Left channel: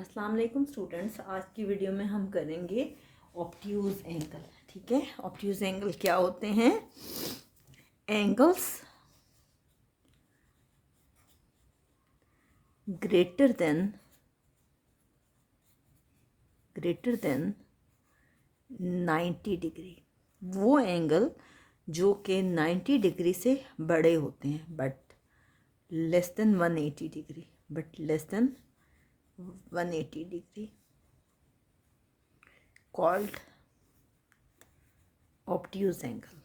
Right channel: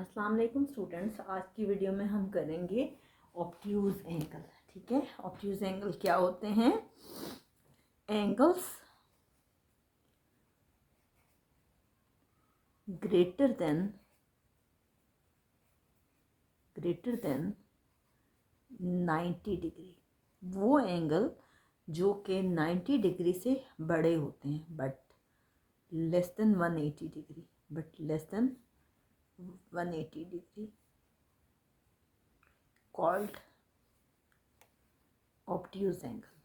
अस्सलाम वालेकुम स्टूडेंट्स। आज की वीडियो में हम करेंगे ऑब्ट्यूज एंगल। ठीक है, ऑब्ट्यूज एंगल क्या होते हैं? एंगल्स ग्रेटर देन 90 डिग्री, वो एंगल जो कि 90 डिग्री से बड़े होते हैं but less than 180 degree, less than 180 degree called obtuse angle.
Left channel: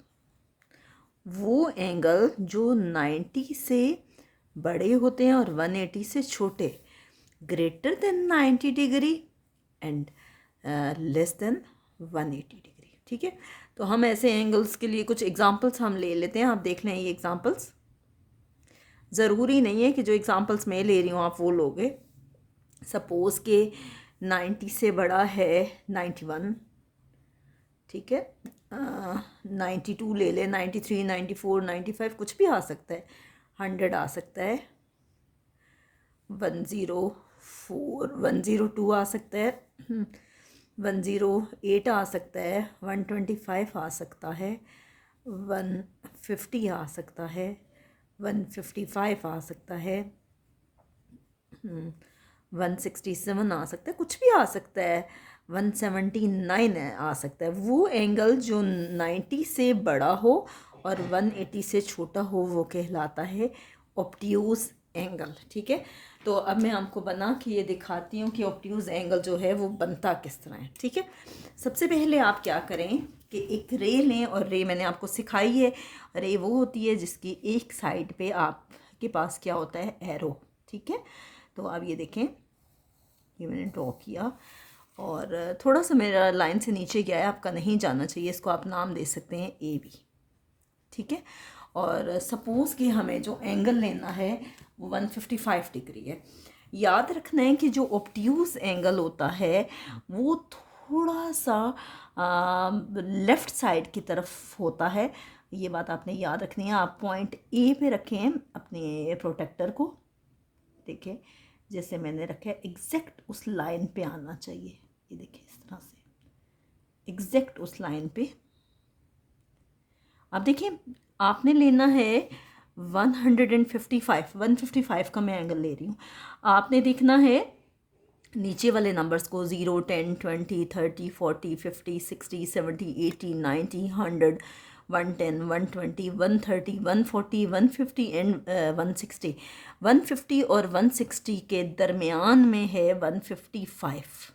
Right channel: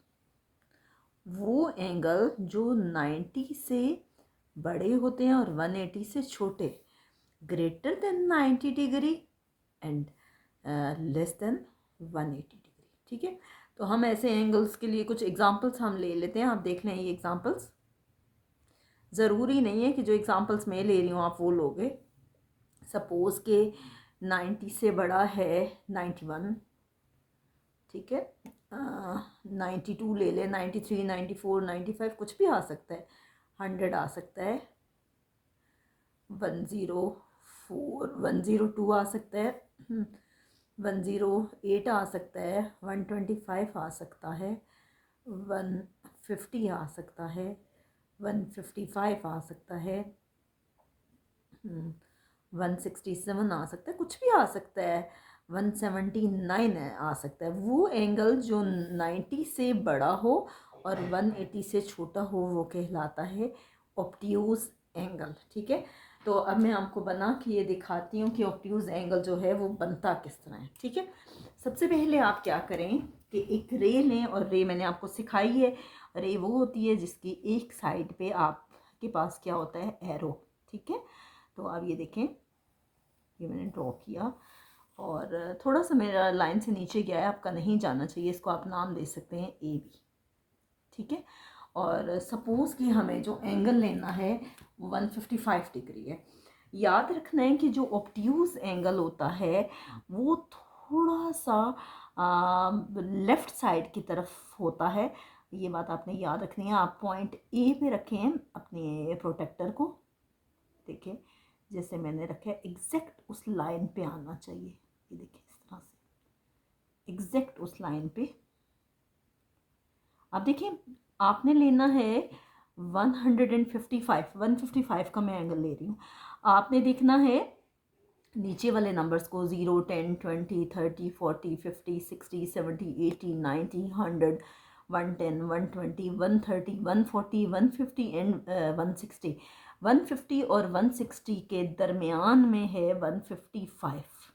वो एंगल जो 90 से बड़े होते हैं और 180 से छोटे, greater than 90 degree and less than 180 degree. ठीक है, तो हम ऐसे एंगल्स के लिए कुछ एग्जांपल्स हम ले लेते हैं। आप देख लें ये एग्जांपल्स। ज़रूरी नहीं है कि जो एग्जांपल्स मैं ले रही हूँ आप वो लोगे। सपोज़ के 90 से बड़ा है 91, ठीक है, 92 ले लें, 93, 94, 95 कुछ भी आ सकता है, 100 आ सकता है, 104, 102 आ सकता है, 108 आ सकता है, 125 आ सकता है, 150 आ सकता है, 155 आ सकता है, 167 आ सकता है, कुछ भी आ सकता है, 179 आ सकता है। वो एंगल जो 90 से बड़ा हो और 180 से छोटा हो वो कहलाता है ऑब्ट्यूज एंगल। ठीक है, तो अब मैं आपको बना के ये दिखाती हूँ कि ऑब्ट्यूज एंगल जो है वो बनता किस तरह है। ठीक है, सबसे पहले आप क्या करें कि एक रे लें, और रे मैंने आपको सिखाई है। रे वो होती है जिसकी एक साइड पे आपके पास क्या होता है, एरो। ठीक है, तो अब ये देखें, ये मैंने ड्रॉ किया और थोड़ा सा मेरा लाइन से नीचे गया है, आपका नहीं जाना चाहिए, इसको आप नाम दे सकते हैं ए बी। ठीक है, और सपोज़ कि हमें जो एंगल लेना है वो 155 डिग्री है। याद रखना है कि जो ऑब्ट्यूज एंगल होता है वो थोड़ा सा लेफ़्ट साइड की तरफ होता है। ये बात आपने याद रखनी है। आप पॉइंट ए पे रखें अपने प्रोटेक्टर को, देखिए जैसे मैंने रखा है, एग्जैक्ट उस लाइन पे आना चाहिए। ये देखिए इस तरह से एग्जैक्ट उस लाइन पे। अब देखिए आपने लेना है 155 का मैं एंगल ले रही हूँ। आपने देखना है नीचे वाले नंबर्स को, 0, 10, 20, 30, 40, 50, 60, 70, 80, 90, 100, 110, 120, 130, 140, 150 एंड 160। 150 और 160 के दरमियान में है 155।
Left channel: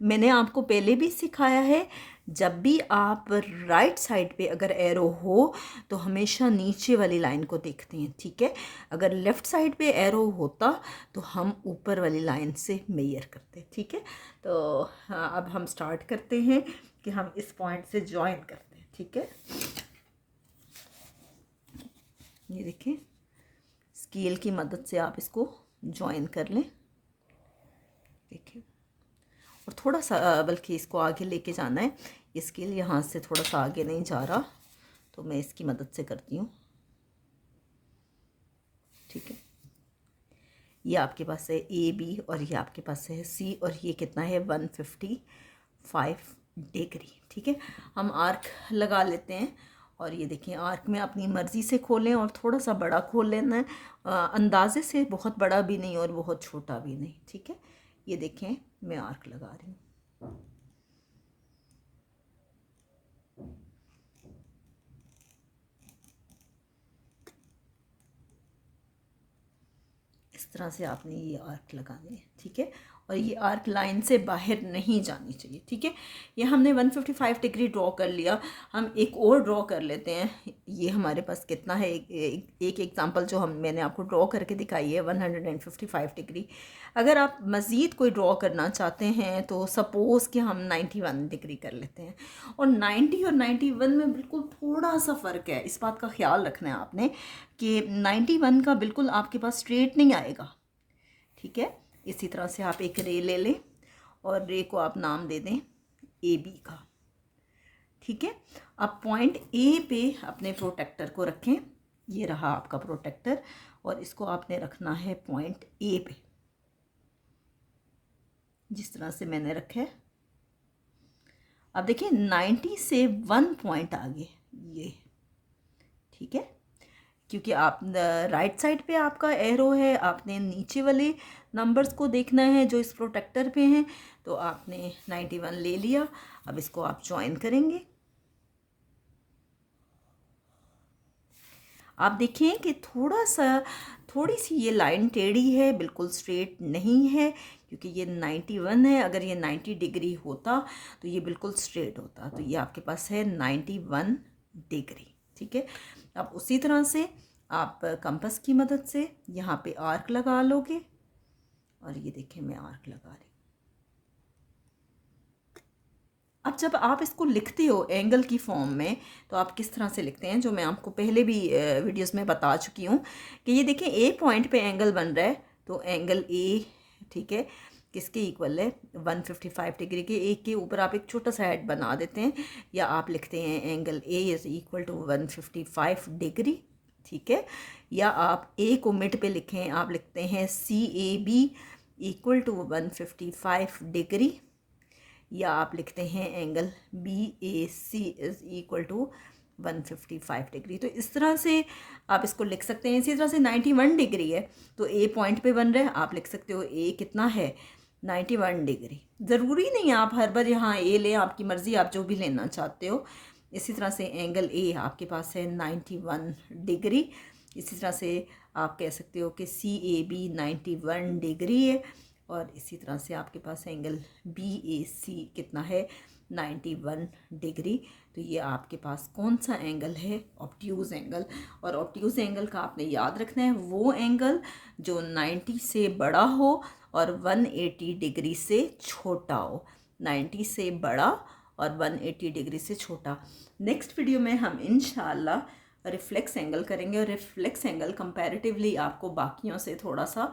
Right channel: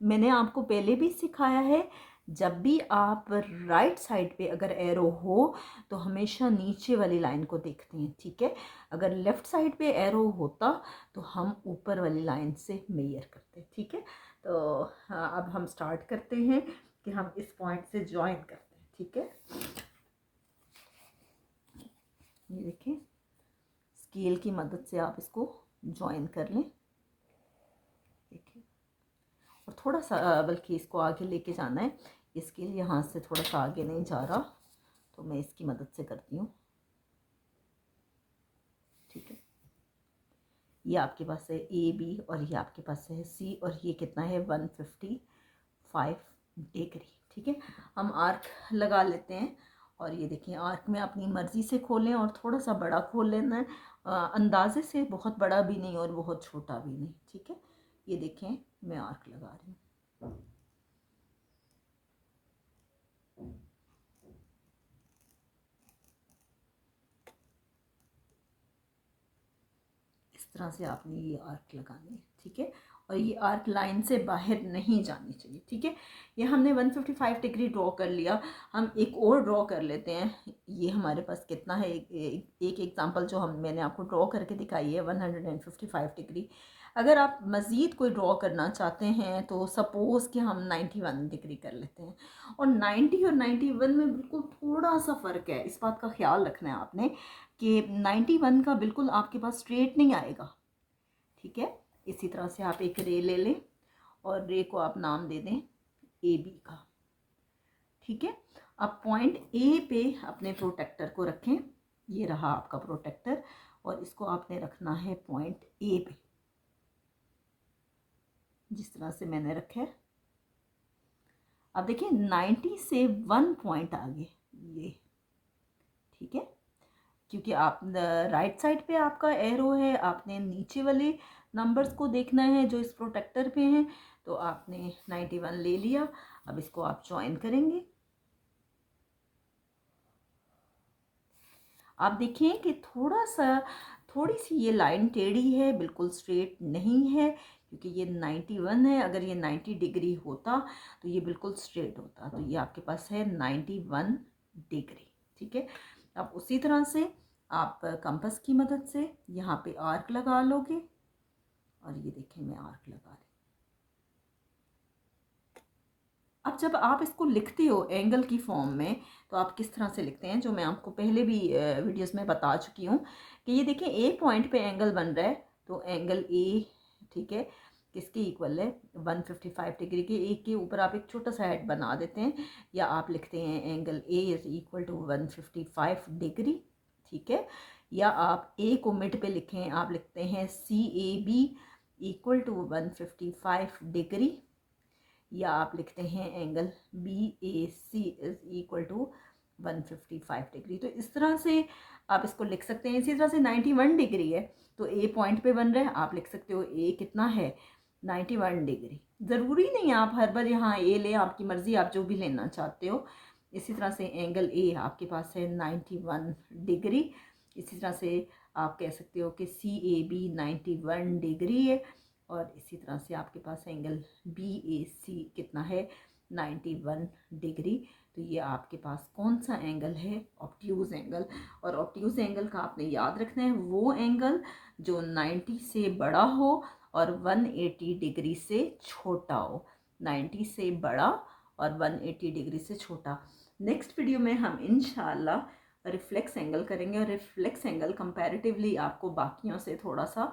मैंने आपको पहले भी सिखाया है, जब भी आप राइट साइड पे अगर एरो हो तो हमेशा नीचे वाली लाइन को देखते हैं। ठीक है, अगर लेफ़्ट साइड पे एरो होता तो हम ऊपर वाली लाइन से मेजर करते। ठीक है, तो हाँ, अब हम स्टार्ट करते हैं कि हम इस पॉइंट से ज्वाइन करते हैं। ठीक है, ये देखिए स्केल की मदद से आप इसको ज्वाइन कर लें। देखिए, और थोड़ा सा बल्कि इसको आगे लेके जाना है, इसके लिए यहाँ से थोड़ा सा आगे नहीं जा रहा, तो मैं इसकी मदद से करती हूँ। ठीक है, ये आपके पास है ए बी और ये आपके पास है सी, और ये कितना है 155 डिग्री। ठीक है, हम आर्क लगा लेते हैं, और ये देखें आर्क में अपनी मर्ज़ी से खोलें और थोड़ा सा बड़ा खोल लेना है, अंदाजे से, बहुत बड़ा भी नहीं और बहुत छोटा भी नहीं। ठीक है, ये देखें मैं आर्क लगा रही हूँ। इस तरह से आपने ये आर्क लगाने हैं। ठीक है, और ये आर्क लाइन से बाहर नहीं जानी चाहिए। ठीक है, ये हमने 155 डिग्री ड्रॉ कर लिया। हम एक और ड्रॉ कर लेते हैं। ये हमारे पास कितना है, एक एग्जांपल जो मैंने आपको ड्रॉ करके दिखाई है 155 डिग्री। अगर आप मज़ीद कोई ड्रॉ करना चाहते हैं तो सपोज़ कि हम 91 डिग्री कर लेते हैं। और 90 और 91 में बिल्कुल थोड़ा सा फ़र्क है, इस बात का ख्याल रखना है आपने कि 91 का बिल्कुल आपके पास स्ट्रेट नहीं आएगा। ठीक है, इसी तरह से आप एक रे ले लें और रे को आप नाम दे दें ए बी का। ठीक है, अब पॉइंट ए पे अपने प्रोटेक्टर को रखें। ये रहा आपका प्रोटेक्टर, और इसको आपने रखना है पॉइंट ए पे। जिस तरह से मैंने रखा है। अब देखिए 90 से 1 पॉइंट आगे ये, ठीक है, क्योंकि आप राइट साइड पे आपका एरो है, आपने नीचे वाले नंबर्स को देखना है जो इस प्रोटेक्टर पे हैं, तो आपने 91 ले लिया। अब इसको आप ज्वाइन करेंगे। आप देखिए कि थोड़ी सी ये लाइन टेढ़ी है, बिल्कुल स्ट्रेट नहीं है, क्योंकि ये 91 है। अगर ये 90 डिग्री होता तो ये बिल्कुल स्ट्रेट होता। तो ये आपके पास है 91 डिग्री, ठीक है। अब उसी तरह से आप कंपास की मदद से यहाँ पे आर्क लगा लोगे, और ये देखें मैं आर्क लगा रही। अब जब आप इसको लिखते हो एंगल की फॉर्म में, तो आप किस तरह से लिखते हैं, जो मैं आपको पहले भी वीडियोस में बता चुकी हूँ कि ये देखें ए पॉइंट पे एंगल बन रहा है, तो एंगल ए, ठीक है, किसके इक्वल है 155 डिग्री के। ए के ऊपर आप एक छोटा सा हेड बना देते हैं, या आप लिखते हैं angle A is equal to 155 degree, ठीक है। या आप ए को मिड पे लिखें, आप लिखते हैं CAB इक्वल टू 155 डिग्री, या आप लिखते हैं angle BAC is equal to 155 degree. तो इस तरह से आप इसको लिख सकते हैं। इसी तरह से 91 डिग्री है, तो ए पॉइंट पे बन रहा है, आप लिख सकते हो ए कितना है 91 डिग्री। ज़रूरी नहीं आप हर बार यहाँ ए लें, आपकी मर्ज़ी, आप जो भी लेना चाहते हो। इसी तरह से एंगल ए आपके पास है 91 डिग्री। इसी तरह से आप कह सकते हो कि CAB 91 डिग्री है, और इसी तरह से आपके पास एंगल BAC कितना है 91 डिग्री। तो ये आपके पास कौन सा एंगल है, ऑब्ट्यूज़ एंगल। और ऑब्ट्यूज़ एंगल का आपने याद रखना है वो एंगल जो 90 से बड़ा हो और 180 डिग्री से छोटा हो। 90 से बड़ा और 180 डिग्री से छोटा। नेक्स्ट वीडियो में हम इंशाल्लाह रिफ्लेक्स एंगल करेंगे, और रिफ्लेक्स एंगल कंपैरेटिवली आपको बाकियों से थोड़ा सा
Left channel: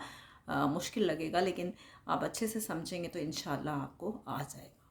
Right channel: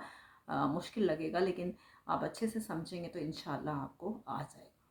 मुश्किल लगेगा, लेकिन आप अच्छे से समझेंगे तो इंशाल्लाह आपको आ जाएगा।